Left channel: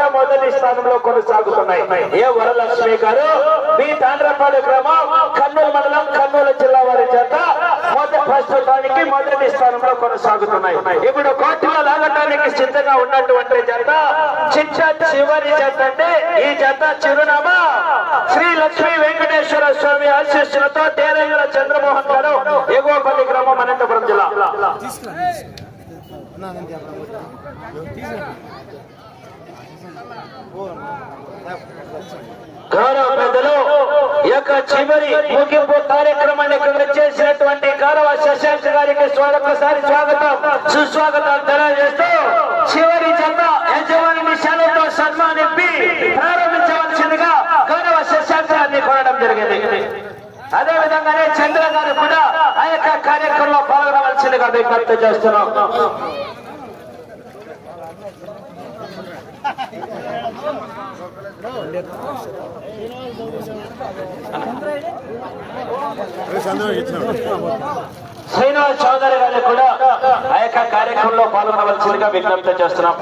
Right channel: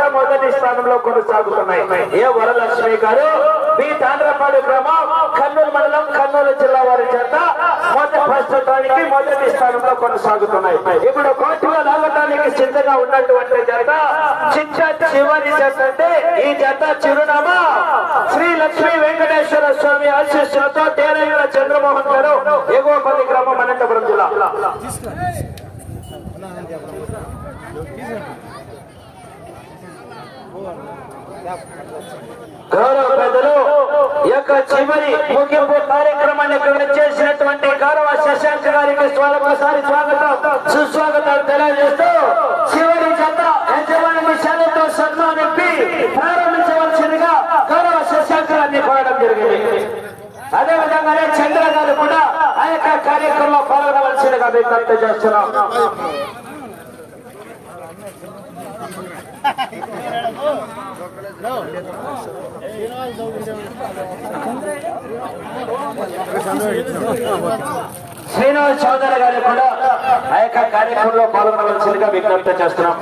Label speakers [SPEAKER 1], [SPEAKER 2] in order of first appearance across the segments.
[SPEAKER 1] కూడా మొదటి స్థానంలో కొనసాగుతున్నాయి. ఏ వరలక్ష్మి గారు? బి తాండ్రపాడు గ్రామం కర్నూలు మండలం కర్నూలు జిల్లా వారి చేత మొదటి ప్రస్తుతానికి మొదటి స్థానంలో కొనసాగుతున్నాయి. ఇప్పుడు కోర్టులో లాగటానికి సిద్ధంగా ఉన్నటువంటి జత చిట్ట చివరి జత అంటే ఈ జత చిరునామా. శ్రీ లక్ష్మీ వెంకటేశ్వర స్వామి ఆశీస్సులతో తేనెల చంద్రమోహన్ గారు ఎగోపల్లి గ్రామం అనంతపురం జిల్లా. గౌరవ పెద్దలు యొక్క చివరి ముగింపు కార్యక్రమాన్ని ఇక్కడ చేసినటువంటి గౌరవ శశాంక్ గారికి స్వాగతసారి స్వాగతం సుస్వాగతాలు తెలియజేస్తూ చివరి జత యజమాని శాలతో సన్మానింపి ప్రారంభించవలసిందిగా గౌరవ శశాంక్ గారిని కోరడం జరిగింది. అదే విధంగానే చంద్ర గారు కూడా ఆ యొక్క కార్యక్రమంలో పాల్గొనవలసిందిగా విజ్ఞప్తి చేస్తున్నాం. శ్రీనివాస్ చౌదరి గారు కూడా ఆ యొక్క కార్యక్రమంలో పాల్గొనవలసిందిగా విజ్ఞప్తి చేస్తున్నాం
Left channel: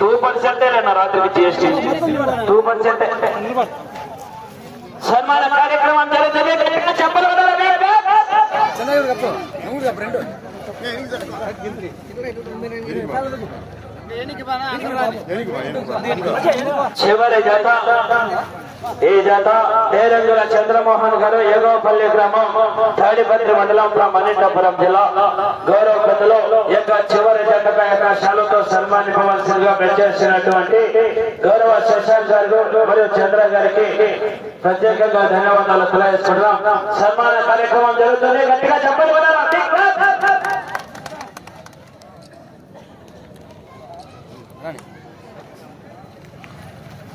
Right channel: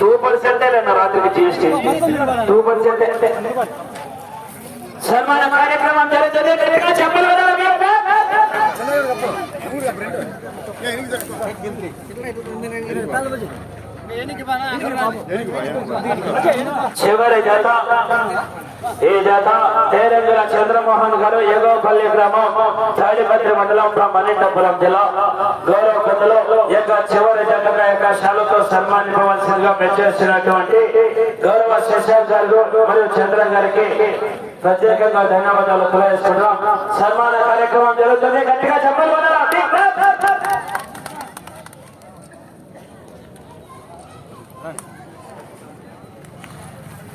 [SPEAKER 1] టూ పర్సెంటే రాత్రికి జిఎస్టీ టూ పర్సెంట్ సన్మాన కార్యక్రమం జరుగుతుంది గట్టిగా చెప్పలు కొట్టాలి. చివరి జత. ఈ జత తేరంగుల చంద్రమోహన్ గారు ఏగోపల్లి గ్రామం తాడిపత్రి మండలం మణిటపురం జిల్లా. గౌరవ కథలో యొక్క చివరి జతగా యొక్క శాలతో సన్మానించవలసిందిగా మెచ్చేసినటువంటి గౌరవ శశాంక్ గారు మరియు చంద్ర గారికి ప్రత్యేకంగా ధన్యవాదాలు తెలియజేస్తున్నాం సన్మాన కార్యక్రమం జరుగుతుంది గట్టిగా చెప్పాలి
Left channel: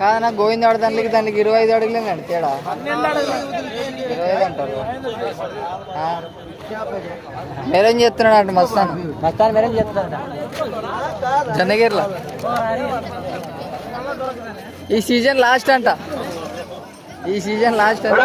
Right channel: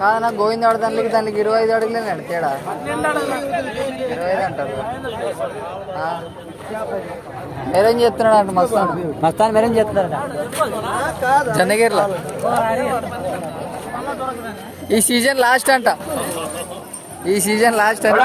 [SPEAKER 2] కాదన్నా గోవింద దానికి దానికి ఇరవై ఐదు అడుగులేదండి తేడా ఇరవై ఐదు అంటారు. మీరేం చెప్తున్నాడు అంట మస్తాను? మస్తాను మీరేం చెప్తున్నాడు జన్నగిరిలో ఈ సీజన్ లాస్ట్ అంట. ఈ సీజన్ లాస్ట్ అంట.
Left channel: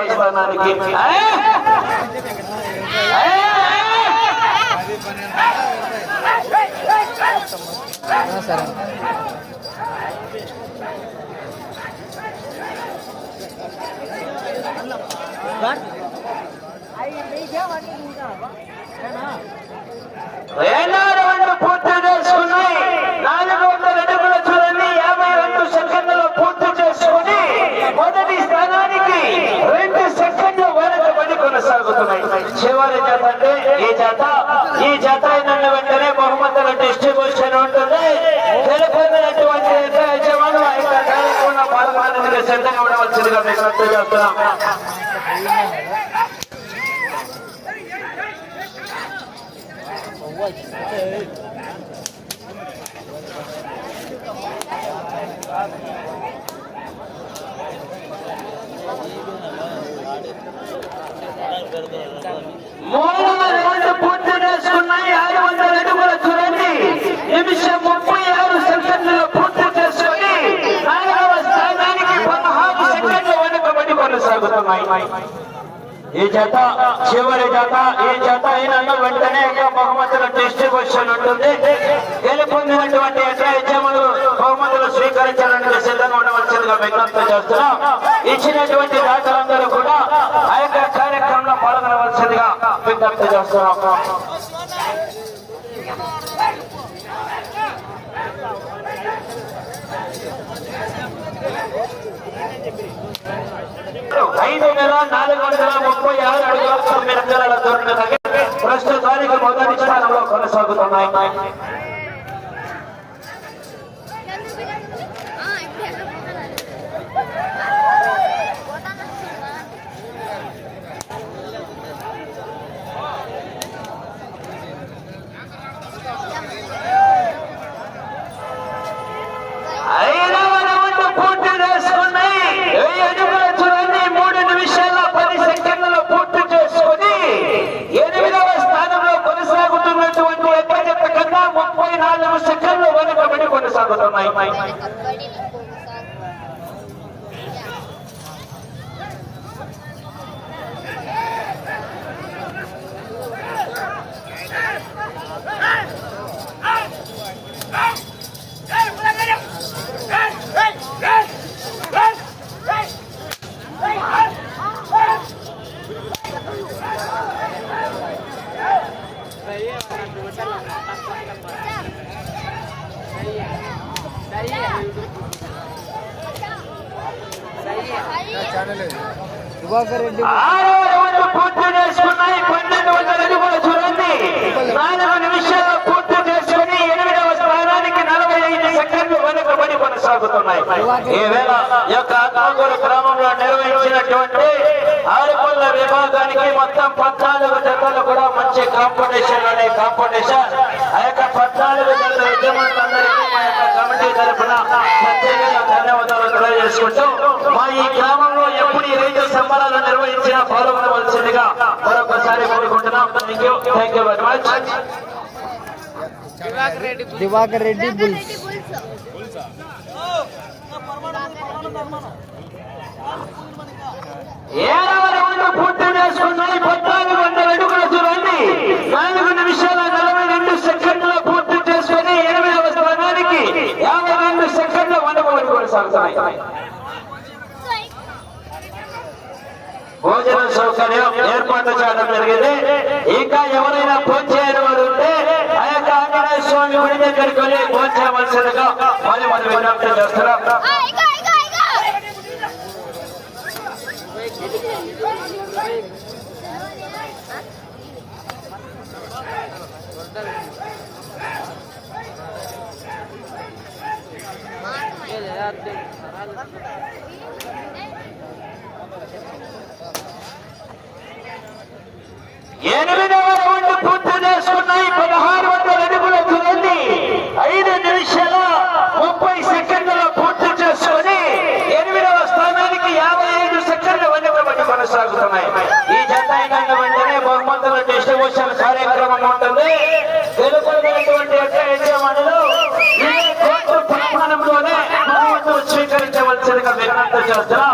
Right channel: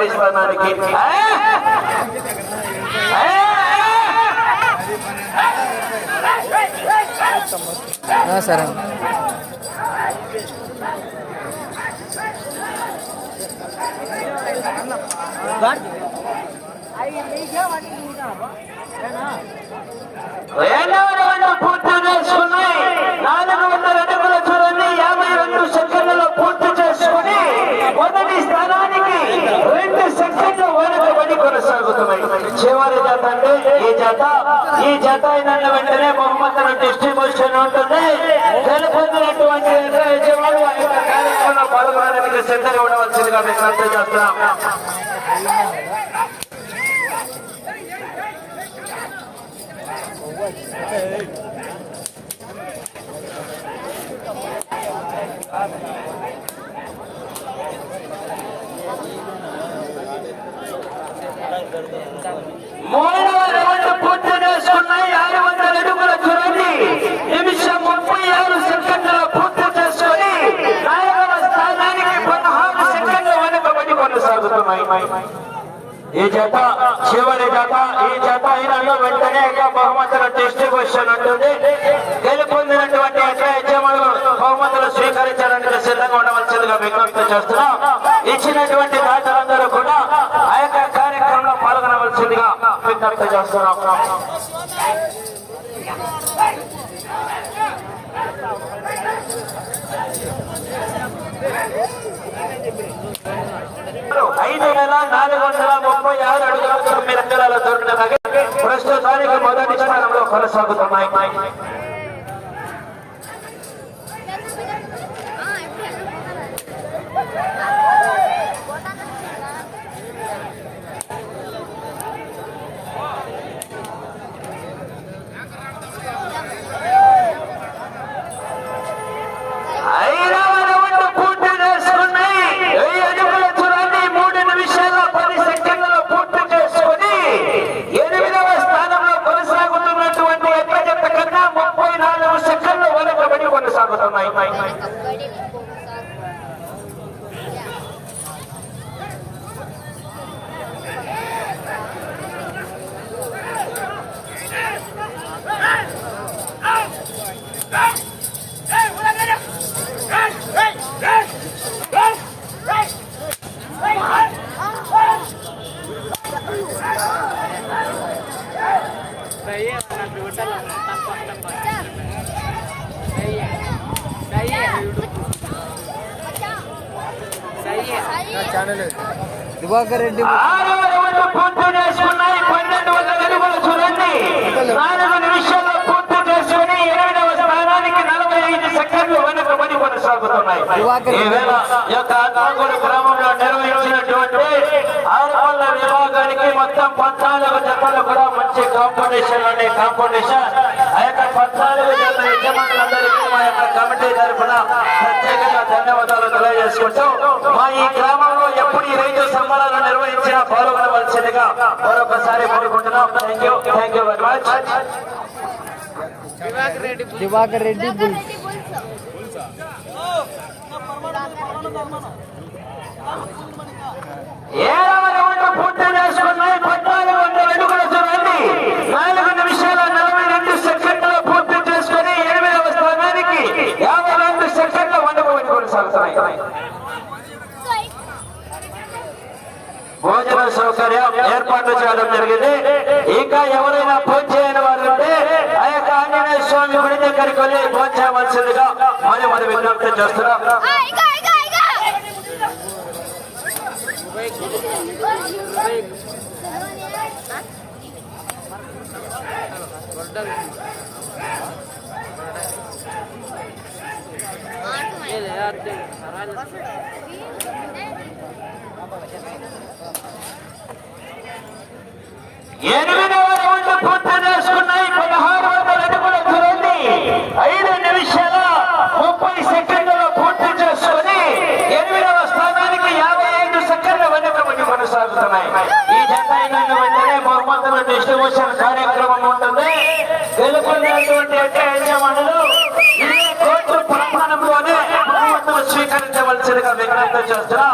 [SPEAKER 1] కొనసాగుతున్నాయి మొదటి స్థానానికి ఏ? ఏ?
[SPEAKER 2] ఆ, సరే
[SPEAKER 1] రెండో రౌండ్ పూర్తి చేసుకున్నాయి నాలుగు వందల అడుగుల చూడండి యాభై రెండు సెకండ్లలో పూర్తి చేసుకుని మొదటి స్థానానికి రెండు సెకండ్లు వెనుకబడి కొనసాగుతున్నాయి చివరి జత అంటే ఈ జత ఈ జత అయిన వెంటనే బహుమతుల డిస్ట్రిబ్యూషన్ ఉంటుంది గెలుపొందినటువంటి ఎదురు యజమానులు ఆ యొక్క కార్యక్రమంలో పాల్గొనడానికి సిద్ధంగా ఉండవలసిందిగా మీకు రద్దు చేస్తున్నాం మూడవ రౌండ్ పూర్తి చేసుకున్నాయి ఆరు వందల అడుగుల చూడండి నిమిషం ముప్పై ఆరు సెకండ్ల పూర్తి చేసుకుని నాలుగవ స్థానానికి పదహారు సెకండ్ల వెనుకబడి కొనసాగుతున్నాయి. ఈ జత చివరి జత ఈ జత అయినా వెంటనే బహుమతుల డిస్ట్రిబ్యూషన్ ఉంటుంది. గెలుపొందినటువంటి యజమానులు బహుమతులు స్వీకరించడానికి సిద్ధంగా ఉండవలసిందిగా విజ్ఞప్తి చేస్తున్నాం. ఇచ్చినటువంటి దాతలందరూ కూడా ఆ యొక్క కార్యక్రమంలో పాల్గొనవలసిందిగా విజ్ఞప్తి చేస్తున్నాం. ఐదు వేల నాలుగు వందల ముప్పై ఆరు అడుగుల తొమ్మిది అంకణాల దూరంగా ప్రస్తుతానికి మొదటి స్థానంలో కొనసాగుతున్నాయి ఐదవ రౌండ్ పూర్తి చేసుకున్నాయి వెయ్యి అడుగుల దూరాన్ని మూడు నిమిషాల పది సెకండ్లలో పూర్తి చేసుకుని ఎనిమిదవ స్థానంలో కొనసాగుతున్నటువంటి ఎక్కడెక్క కన్నా ముప్పై నాలుగు సెకండ్లు వెనుకబడి కొనసాగుతున్నాయి
[SPEAKER 2] దివాకర్ రెడ్డి
[SPEAKER 1] ఆరవ రౌండ్ పూర్తి చేసుకున్నాయి. పన్నెండు వందల అడుగుల చూడండి నాలుగు నిమిషాల్లో పూర్తి చేసుకుని ఎనిమిదవ స్థానానికి నలభై ఐదు సెకండ్లు వెనుకబడి కొనసాగుతున్నాయి. యొక్క ఆత్మకూరు గ్రామంలో నిర్వహించినటువంటి ఆరుపల్ల విభాగానికి మొత్తం పద్నాలుగు జతలు కూడా మంచి కాంపిటీషన్ అనే కాంపిటీషన్. ఆ యొక్క పద్నాలుగు జతల యజమానులందరికీ యొక్క కమిటీ తరఫున ప్రత్యేకంగా ధన్యవాదాలు తెలియజేసుకుంటూ మా ఈ గ్రామంలో ఎప్పుడు ఈ రైతు సంబరాలు నిర్వహించినా పాల్గొనవలసిందిగా మరొకసారి కోరుకుంటున్నాం. Thank you thank you very much
[SPEAKER 2] Diwakar Reddy bulls.
[SPEAKER 1] ఏడవ రౌండ్ పూర్తి చేసుకున్నాయి పద్నాలుగు వందల అడుగుల చూడండి నాలుగు నిమిషాల నలభై రెండు సెకండ్ల పూర్తి చేసుకుని ఎనిమిదవ స్థానానికి యాభై రెండు సెకండ్ల వందకొని కొనసాగుతున్నాయి భోజన సౌకర్యం ఏర్పాటు చేయడం జరిగింది ఇంకా ఎవరైనా ఫోన్ చేయని వారు ఉంటే ఆ యొక్క ఆంజనేయ స్వామి గుడి దగ్గరికి వెళ్ళి ఫోన్ చేయవలసిందిగా మరి మరి విజ్ఞప్తి చేస్తున్నాం
[SPEAKER 3] ఇక ఇక ఇక
[SPEAKER 1] ఎనిమిదవ రౌండ్ పూర్తి చేసుకున్నాయి పదహారు వందల అడుగుల చూడండి ఐదు నిమిషాల ముప్పై సెకండ్లలో పూర్తి చేసుకుని ఎనిమిదవ స్థానానికి యాభై ఐదు సెకండ్ల వెనుకబడి కొనసాగుతున్నాయి ఈ జత అయిన వెంటనే బహుమతుల డిస్ట్రిబ్యూషన్ కార్యక్రమం ఉంటుంది గెలుపొందినటువంటి యొక్క యజమానులు ఈ కోర్టు ప్రాంగణంలోనే బహుమతులు విజ్ఞప్తి చేస్తున్నా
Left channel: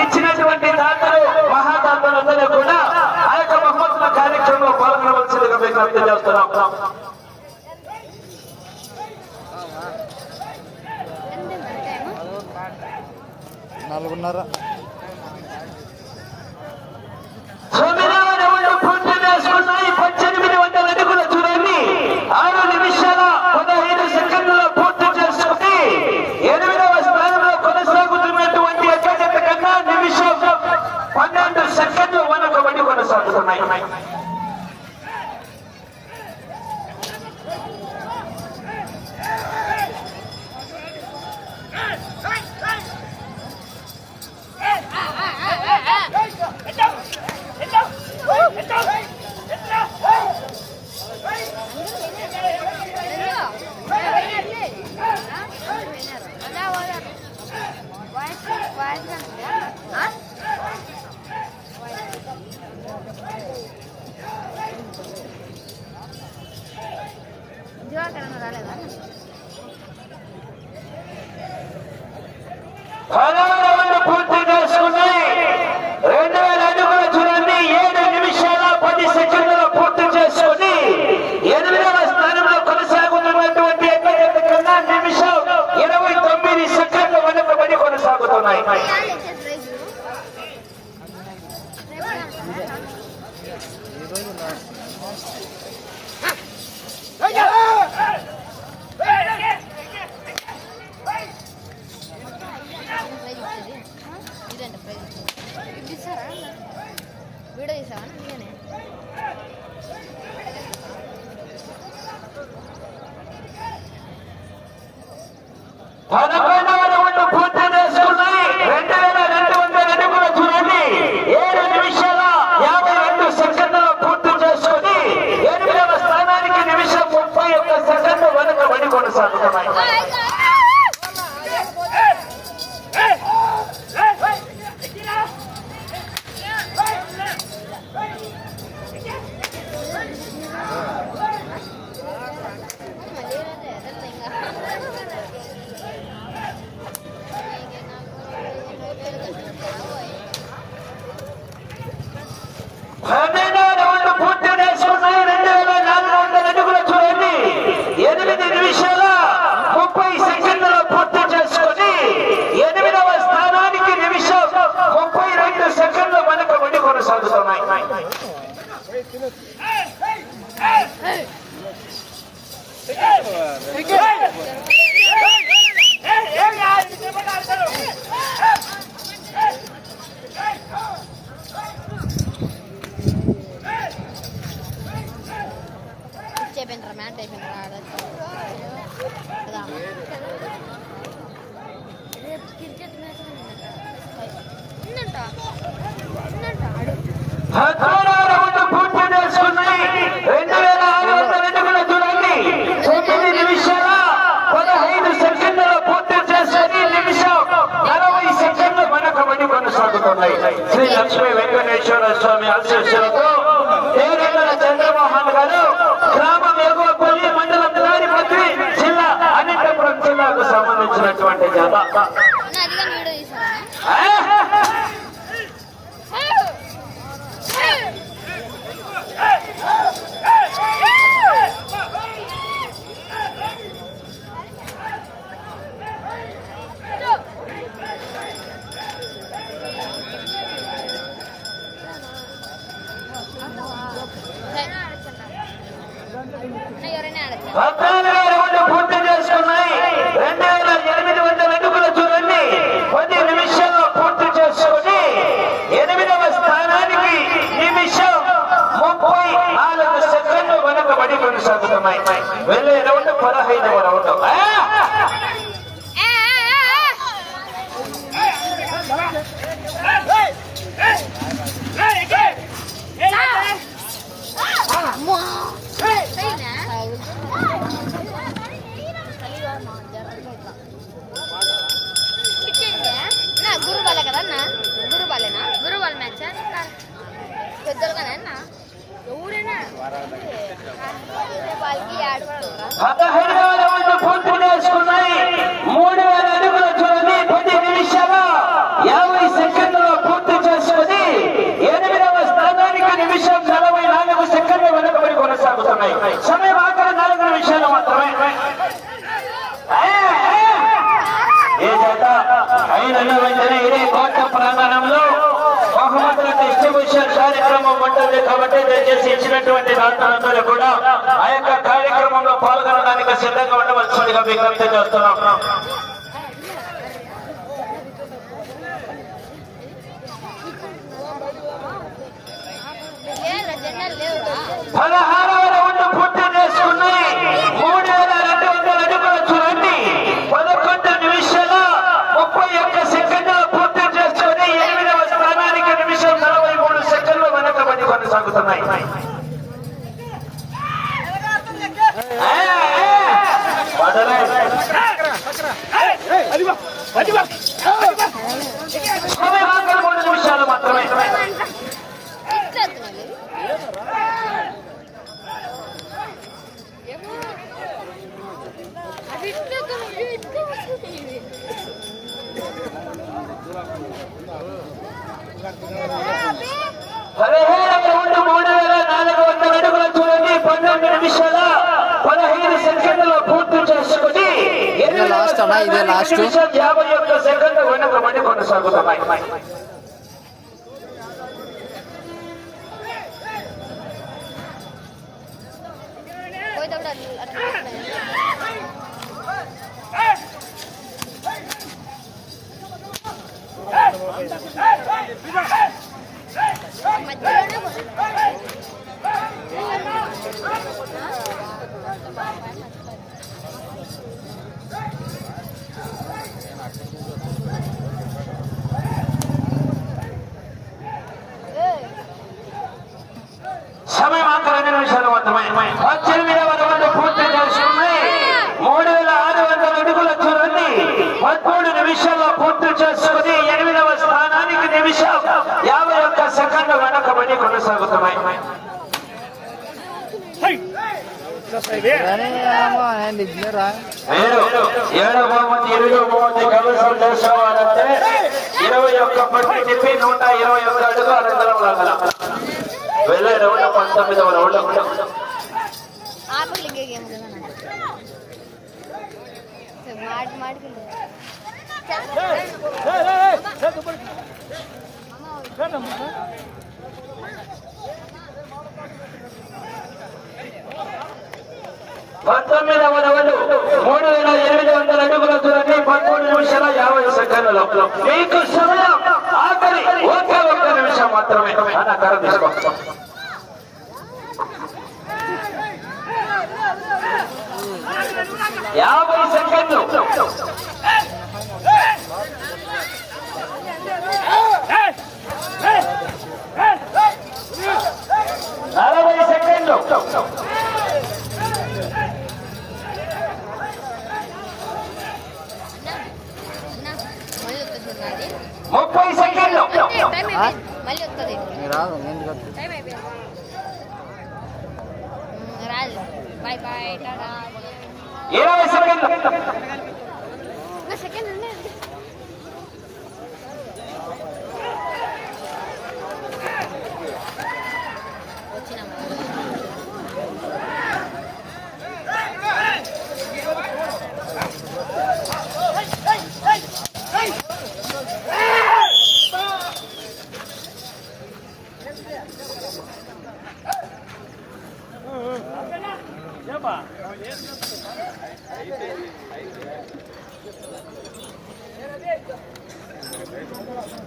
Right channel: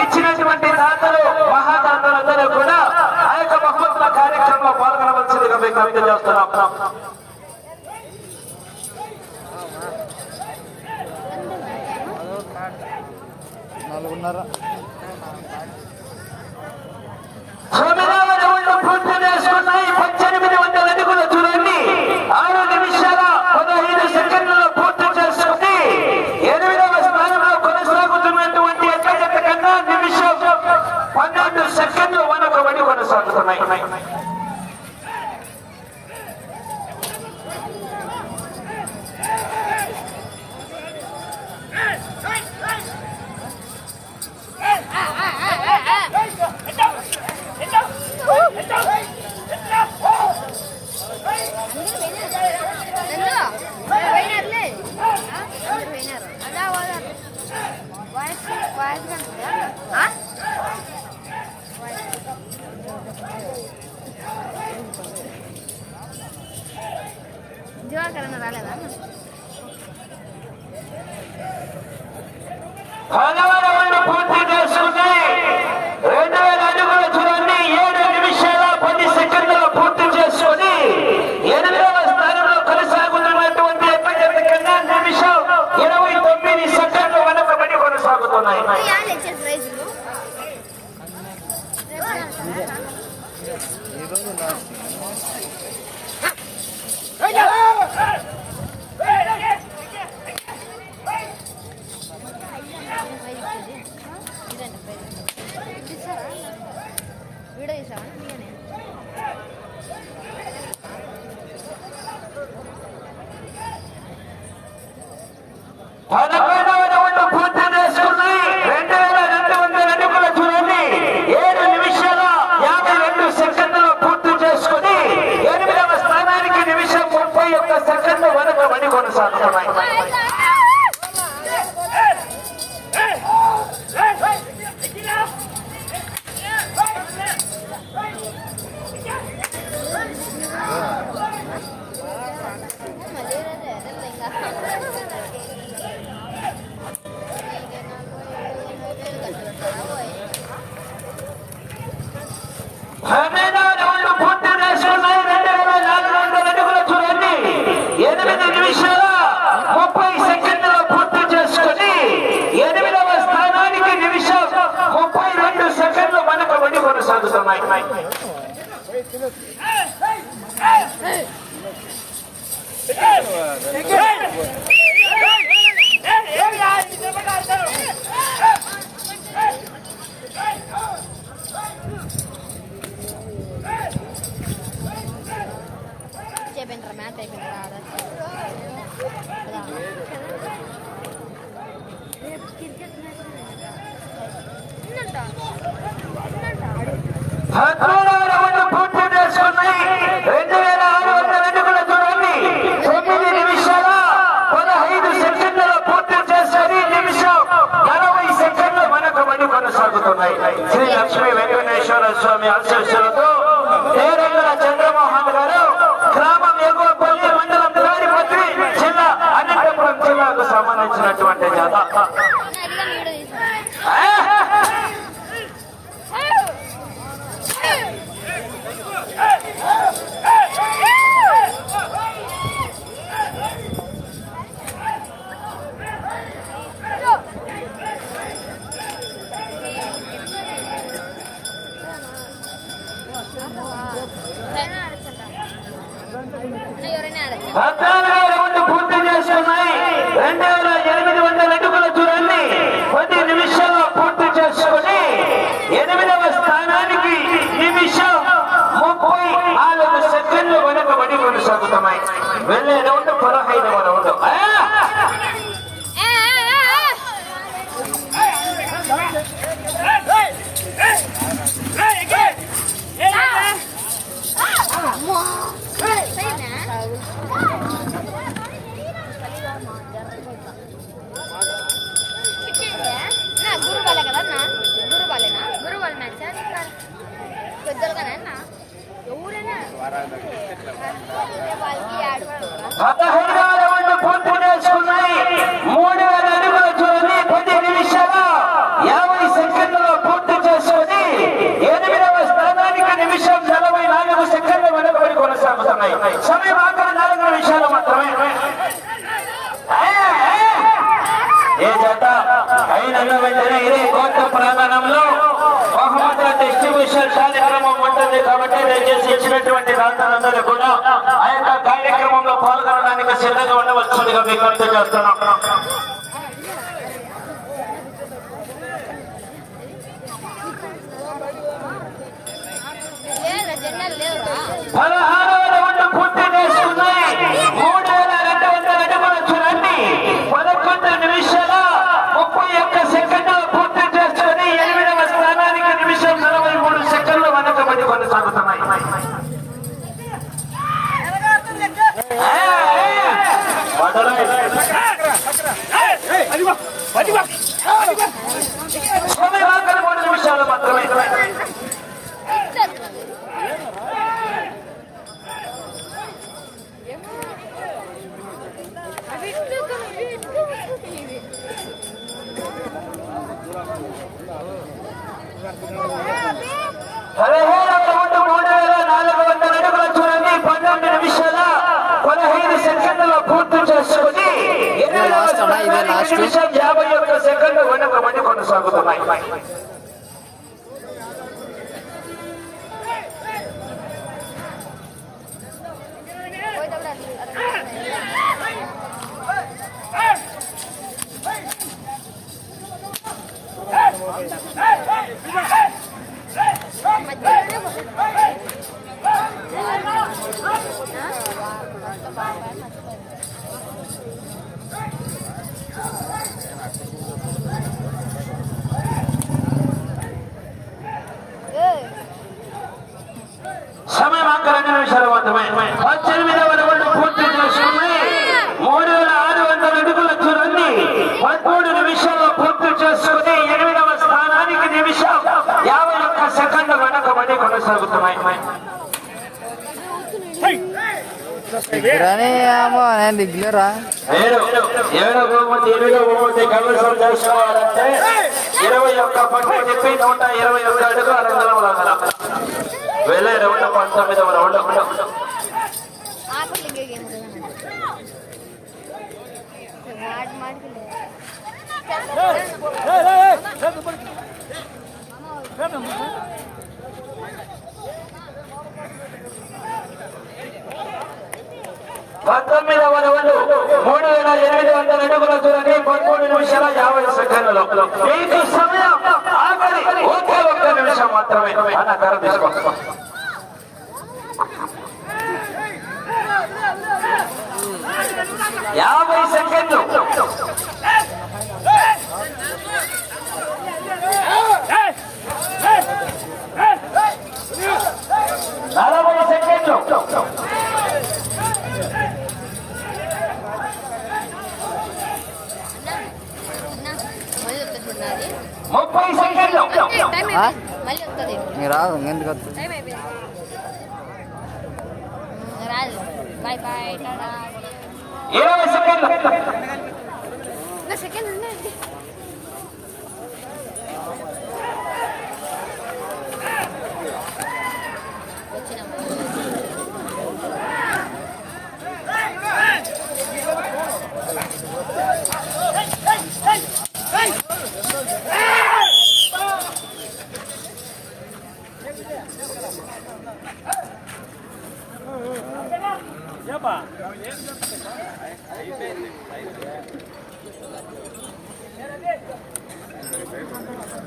[SPEAKER 1] ఇచ్చినటువంటి దాతలు మహాదాతలందరూ కూడా ఆ యొక్క మహోత్సవ కార్యక్రమంలో పాల్గొనవలసిందిగా విజ్ఞప్తి చేస్తున్నాం.
[SPEAKER 2] నాలుగున్నర
[SPEAKER 1] తొమ్మిదవ రౌండ్ పూర్తి చేసుకున్నాయి పద్దెనిమిది వందల అడుగుల చూడండి ఆరు నిమిషాల పదహైదు సెకండ్లలో పూర్తి చేసుకుని ఎనిమిదవ స్థానంలో కొనసాగుతున్నటువంటి ఎక్కడెక్క కన్నా నిమిషం పన్నెండు సెకండ్లు వెనకబడి కొనసాగుతున్నాయి పదవ 再来一个 శ్రీ లక్ష్మీ వెంకటేశ్వర స్వామి ఆశీస్సులతో వీరేంద్ర చంద్రమోహన్ గారు గ్రామం ఎగువ పల్లి మండలం తయారీ జిల్లా అనంతపురం జిల్లాకు సంబంధించినటువంటి జత. ¡Acá! డిస్ట్రిబ్యూషన్ కార్యక్రమం ఉంటుంది కాబట్టి దయచేసి ఇచ్చినటువంటి దాతలందరూ కూడా ఆ యొక్క కార్యక్రమంలో పాల్గొనడానికి సిద్ధంగా ఉండవలసిందిగా విజ్ఞప్తి చేస్తున్నాం. పదహారవ మండలై స్థానాల్లో వెనకబడి కొనసాగుతున్నాయి
[SPEAKER 2] కానీ ఏమో నేను దిగులేరా
[SPEAKER 1] ఏడు బహుమతి బహుమతి కమిషన్ ఇరవై ఒక్క పట్టి చెప్పి నూట ఇరవై ఒక్క అడుగు అనంతరం లాగల వెళ్ళే రౌండ్ పంతొమ్మిదవ రౌండ్ పంతొమ్మిదవ రౌండ్ మూడు వేల ఎనిమిది వందల అడుగుల దూరాన్ని పదమూడు నిమిషాల యాభై సెకండ్లలో మీకు సమయం ఆఖరి ఒకే ఒక్క నిమిషం మాత్రమే అన్న కర తీసుకో యాభై సెకండ్లు. ముప్పై సెకండ్లు
[SPEAKER 3] మళ్ళీ వస్తుంది
[SPEAKER 2] రాదు ఎందుకు వస్తుంది?
[SPEAKER 3] రాదు బాయ్ బాయ్
[SPEAKER 1] ఇరవై సెకండ్లు
[SPEAKER 3] సెకండ్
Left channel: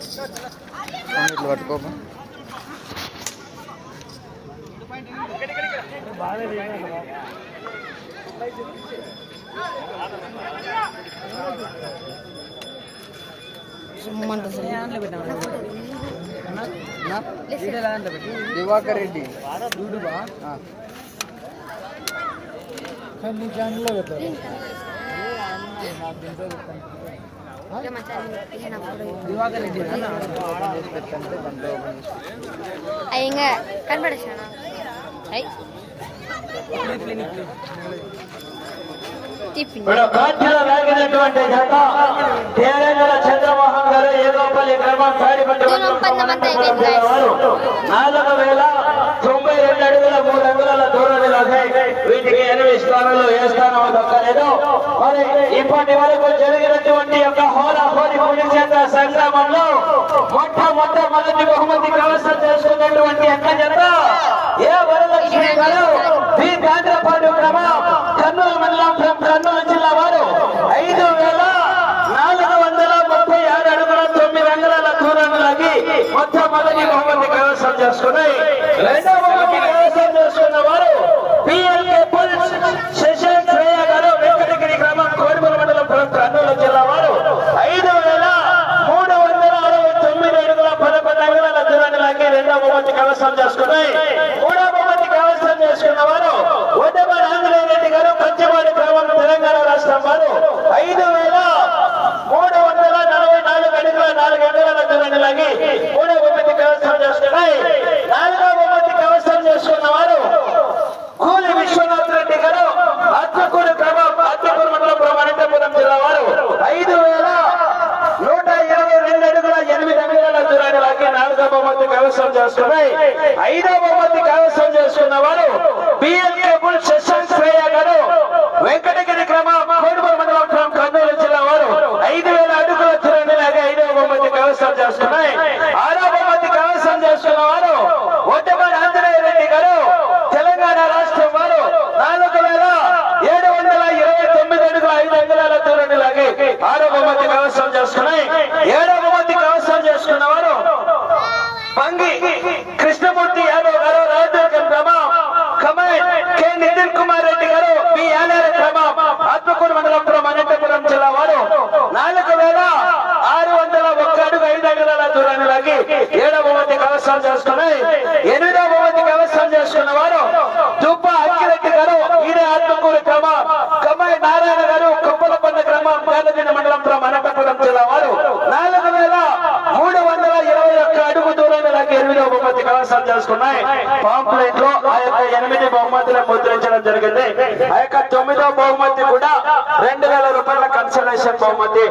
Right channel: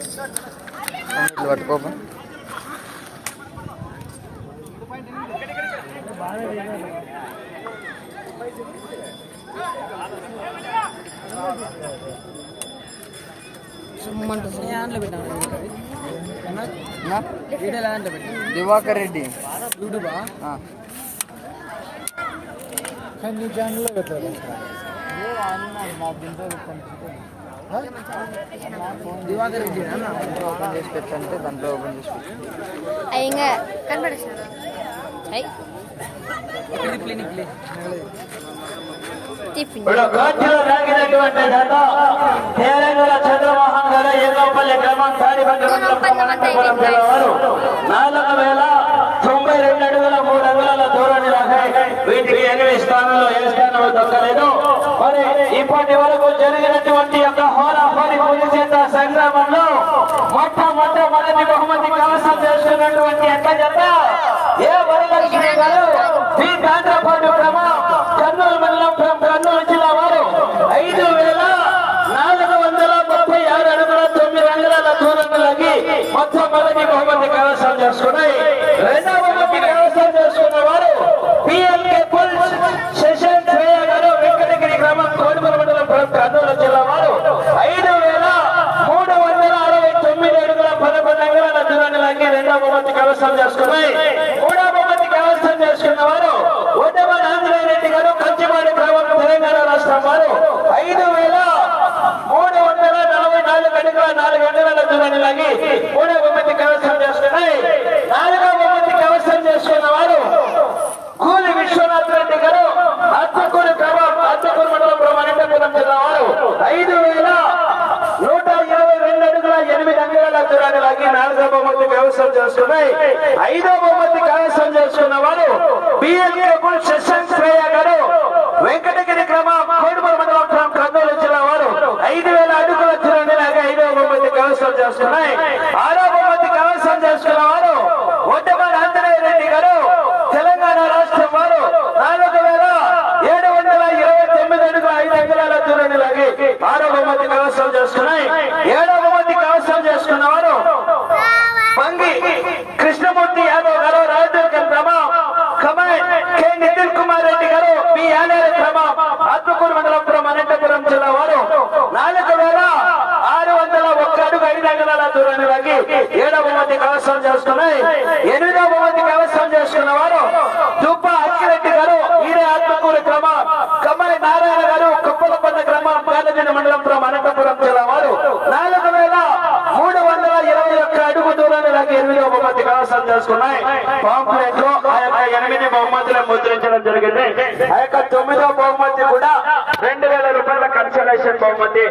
[SPEAKER 2] ఇట్లా పట్టుకోపా. దివాకర్ రెడ్డి. యూట్యూబా? ఛానల్లో పెట్టారు. దివాకర్ రెడ్డి ఓపెన్ చేసి పెట్టంటే దాంట్లో ఓపెన్ చేసి పెట్టు.
[SPEAKER 3] అది ఇంకా కనపడేసాను అయ్యి తిప్పింది
[SPEAKER 1] ఇప్పుడు కాటిలో వేగినటువంటి జత దేవేంద్ర చంద్రమోహన్ గారు ఏదోపల్లి గ్రామం తాడిపట్టి మండలం కమ్మనంతపురం జిల్లా వారు నాలుగు వేల అంగుళాల దూరాన్ని వీటికి ఎనిమిది స్థానంలో ఏ స్థానం దక్కలేదు. మరి ఇప్పటి వరకు జరిగినటువంటి యొక్క హోరాహోరి హోరీ పులి చేత సంగ్రామంలో మొట్టమొదటి బహుమతి కవసం చేసుకున్నటువంటి ఎక్క చేత ఏ వరలక్ష్మి గారు బి కాంద్రపాటు క్రమ కర్నూలు మండలం కర్నూలు జిల్లా వారు ఐదు వేల నాలుగు వందల ముప్పై ఆరు అడుగుల తొమ్మిది అంగుళాల దూరంలోకి మొట్టమొదటి బహుమతి కవసం చేసుకున్నాయి. రెండవ కైవసం చేసుకున్నాయి మూడవ బహుమతి కైవసం చేసుకున్న వారు ఉద్దమ ఆంజనేయ రెడ్డి గారు కంచివాడి గ్రామం తెలంగాణ రాష్ట్రం వారు ఐదు వేల మూడు వందల నలభై నాలుగు అడుగుల నాలుగు అంగుళాల దూరాన్ని లాగి మూడో బహుమతి కైవసం చేసుకున్నాయి. నాలుగో బహుమతి కైవసం చేసుకున్న వారు కూలి విశ్వనాథ్ రెడ్డి గారు అత్తకూరు గ్రామం అత్తకూరు మండలం అనంతపురం జిల్లా వారు ఐదు వేల నూట ఇరవై రెండు అడుగుల ఎనిమిది అంగుళాల దూరాన్ని లాగి నాలుగో బహుమతి కైవసం చేసుకున్నాయి ఐదో బహుమతి కైవసం చేసుకున్న వారు బిఎల్కే బుల్ గారు వెంకటగిరి గ్రామం కోడుమల మండలం ఫ్రం కర్నూలు జిల్లా వారు ఐదు వేల అడుగుల దూరాన్ని లాగా ఐదవ బహుమతి కైవసం చేసుకున్నాయి. ఆరో బహుమతి కైవసం చేసుకున్న వారు ఒడ్డమాడ ఆంజనేయ రెడ్డి గారు తెలంగాణ రాష్ట్రం వారు నాలుగు వేల ఏడు వందల ఇరవై తొమ్మిది అడుగుల ఐదు అంగుళాల దూరాన్ని లాగి ఆరో బహుమతి కైవసం చేసుకున్నాయి. ఏడో బహుమతి కైవసం చేసుకున్న వారు పంగి కృష్ణ యాదవ్ గారు రాజదుర్గం గ్రామం కమాండ్ కె నితిన్ కుమార్ రెడ్డి గారు బి యానేర గ్రామం ఆత్మకూరు మండలం పురం అనంతపురం జిల్లా వారు నాలుగు వేల ఆరు వందల ఒక్క అడుగు ఐదు అంగుళాల దూరాన్ని లాగి ఏడవ బహుమతి కవసం చేసుకుని ఎనిమిదవ బహుమతి కవసం చేసుకున్న వారు దుబ్బ అక్కిరెడ్డి గారు ఈడే ఆత్మకూరు గ్రామం కమ్మాయి నారాయణ గారు కప్పలపన్న గ్రామం కాలజన మండలం పురం అనంతపురం జిల్లా వారు నాలుగు వేల మూడు వందల ఇరవై ఒక్క అడుగు దూరాన్ని నాకు ఎనిమిదవ బహుమతి కళాశాల చేసుకున్నాయి. పాంప్లెట్లో ఆ యొక్క ఎనిమిది బహుమతులు ముద్రించడం జరిగింది. ఆ యొక్క తొమ్మిదో బహుమతి కూడా రెండు వేల రూపాయల కన్సలేషన్ బహుమతి.